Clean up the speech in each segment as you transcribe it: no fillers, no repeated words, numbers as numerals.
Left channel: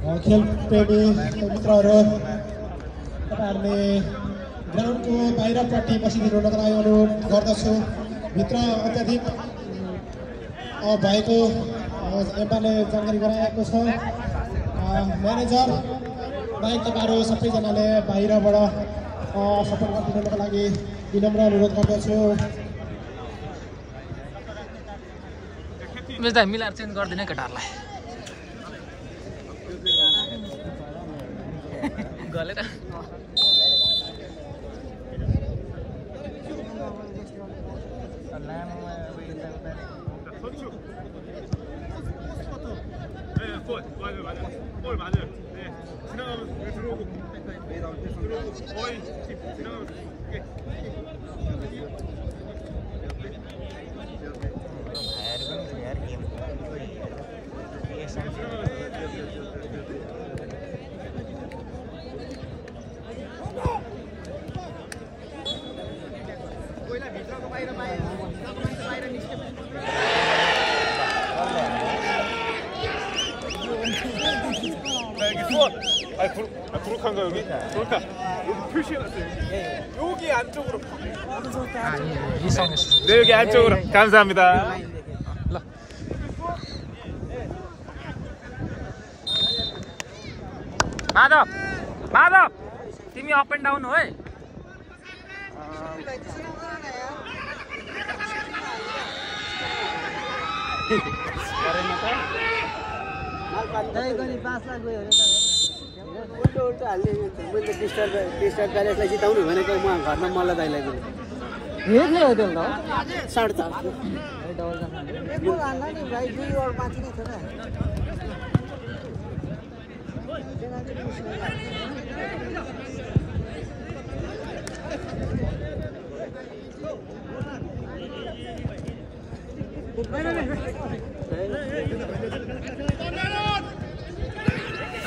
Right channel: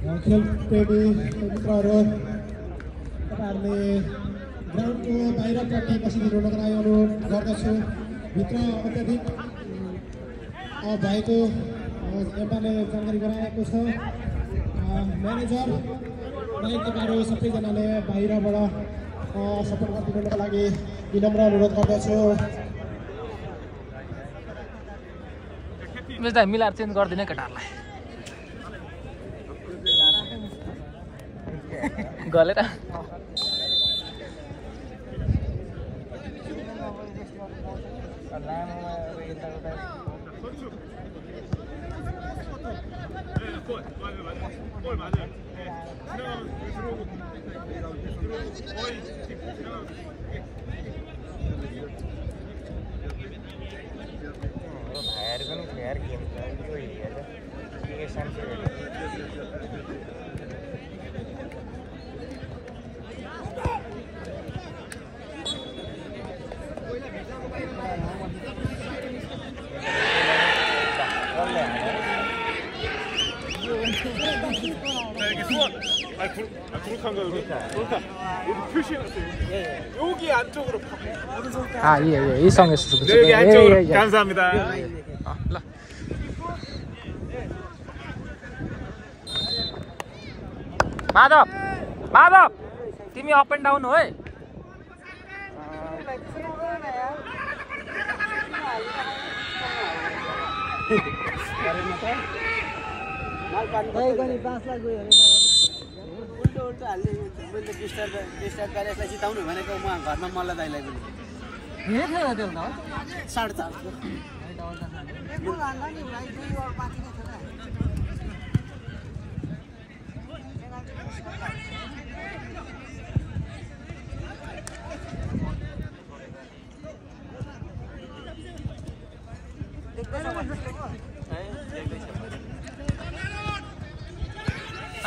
खेल प्रेमी मित्रहरू तपाईहरुले ग्राउन्डको बाहिरपट्टि बसिदिनुको लागि अनुरोध गर्दछु। भित्र अत्याधिक भएको एम्पायरले जानकारी गराएको छ। म्यानेजर बाहेक तपाईहरु सबैजनाले बाहिरबाट सपोर्ट गरिदिनुको लागि विनम्र अनुरोध गर्दछु। बेच्दा मिलाएर चेन्ज गर्दिने केटाहरुलाई गलेर 구룩한가 여기? 그러니까 여기 표시해놨어요. 여기 안쪽으로. 예, 일성에서. 네, 여기 안쪽으로. 감사합니다. माधव तिमी अप एन्ड डाउन हो है। उल्टो हाल्ने मैले डिस्टर्ब गरेर जिताउनु भनेको म घरमा मल्ल दाइलाई पनि यो के हो त्यो न 4.5 यो हाल्न नि भाइ 2 ओभर माथि नै छ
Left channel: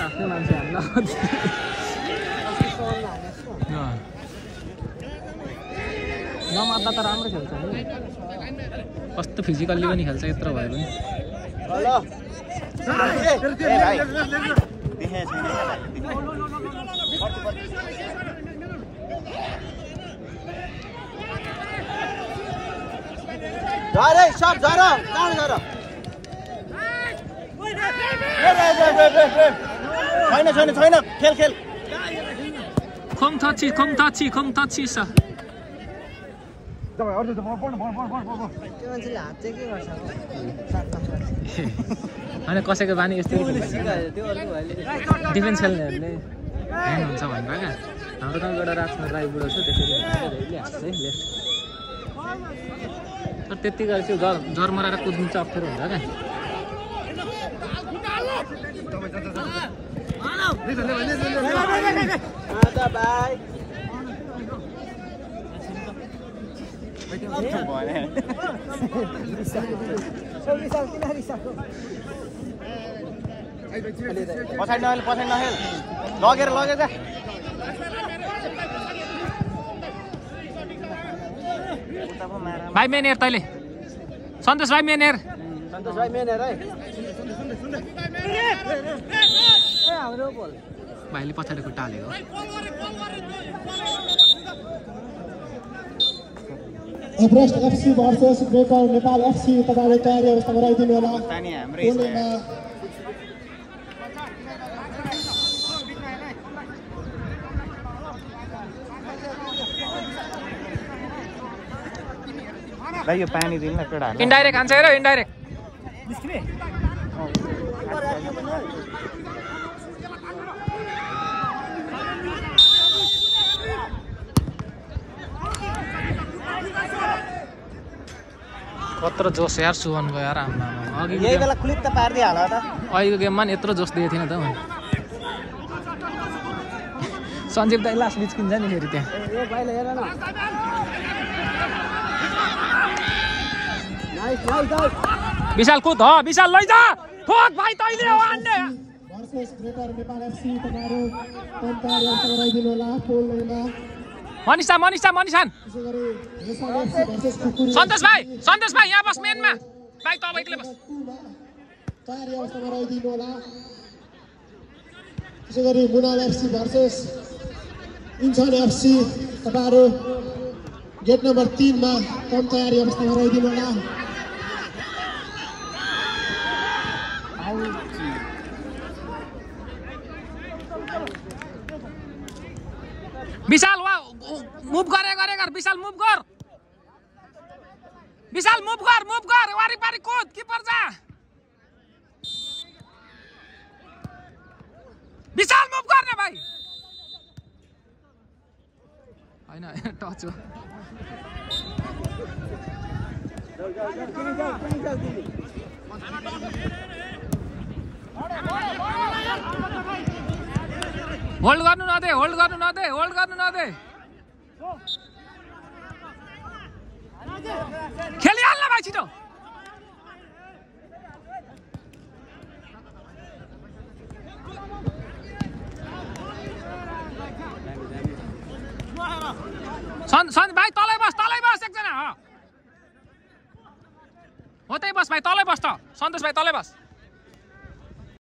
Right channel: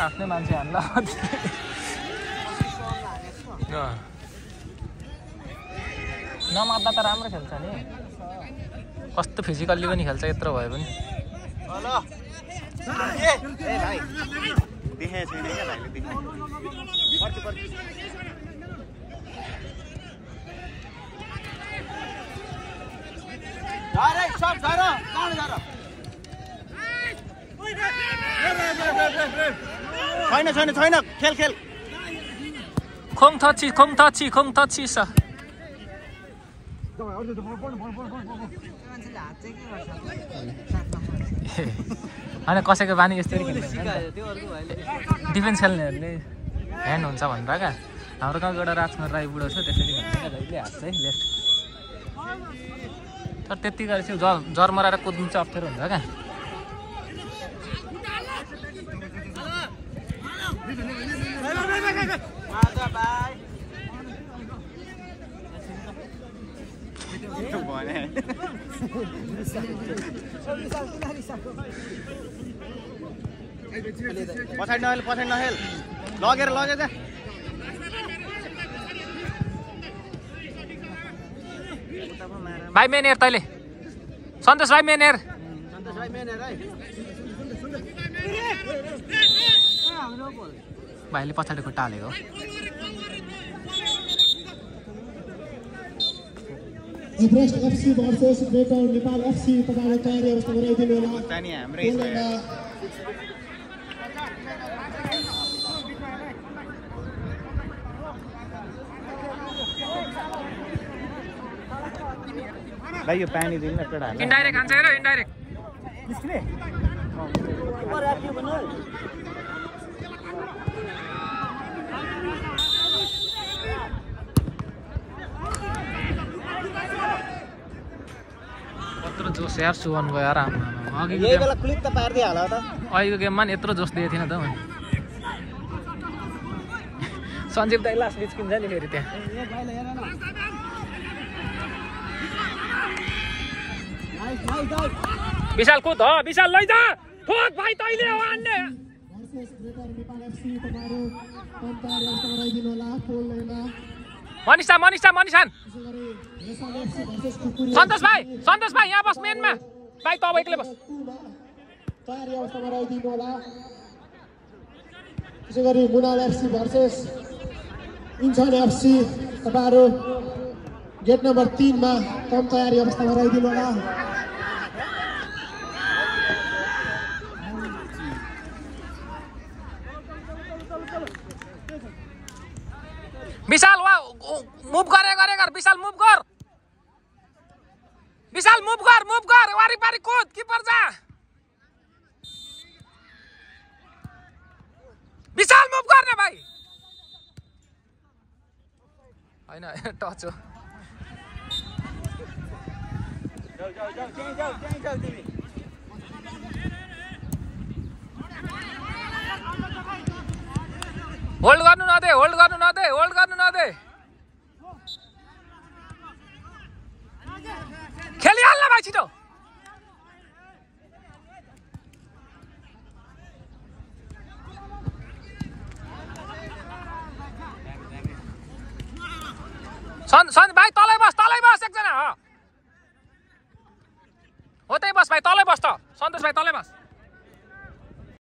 आफ्नो मान्छे हाल्न नमात्दा त राम्रो खेल्छ नि कस्तो फिजिकल्ली पनि खेल्छ यत्रो भए पनि अरे शॉट जरा कौन जरा छैन खेल खोङ थची छ होइन कसैको बानी यस्तरी खेल्छ डिफेन्स खेल्नेहरूले ह्यान्ड हुन्छ भनेर क्या हाम्रो गाउँबाट राजकुमार राई बुढो छ त्यसरी तर त्यत्तिकै चाहिँ जर मराएर कुद्नु चाहिँ अप्ठ्यारो हुन्छ क्या लगेर भाइ मेन हेर तैँले सन्तोष भाइ मेन हेर है भाइले पछाडि खुट्टा हालेको Everest FC versus baker Nepal FC तपाईले तयारी अवस्था गराइदिनु होला। भाइ यो पानी दिनु न केटा इन्डाइरेक्ट खान्छ हेर इन्डाइरेक्ट निस्किने कत्रो जोस यार सुवन गयो यार आमा अघिको गेम अहिलेको गेममा नि यत्रो जोस दिएको थिएन त मैले सञ्जीव दाइ लास्ट निस्किन्छ नि फेरि त्यहाँ विशाल कुद हो विशाल लैजा ठोक भाइ तैले हो आन्ने भर्सेस ग्रेटर नेपाल एफसी तपाईहरु तयारी अवस्था गराइदिनु होला। पोल लाइनमा मनिषा सन्तोष भाइ यहाँ बस मेनमा भाइ तब एक्लै बस तयारी अवस्था गराइदिनु होला। त्यसै गरी मुनाल एफसी भर्सेस इन्सान एफसी। तपाईँहरू गेट नम्बर 3 मा कम तयारी अवस्थामा रहिदिनु होला। विशाल वा मुभ गर विशाल मुभ गर वारिपारि कुद किपर जा विशाल मुभ गर्ने भाइ हैन टच हो। होल्ड गर्नु नदे खेलिहाल्न भाइ छिटो। भाइ तलै बस एकजना हो त्यही बस भाइ तलै बस त सन्तोष भाइ तलै बस।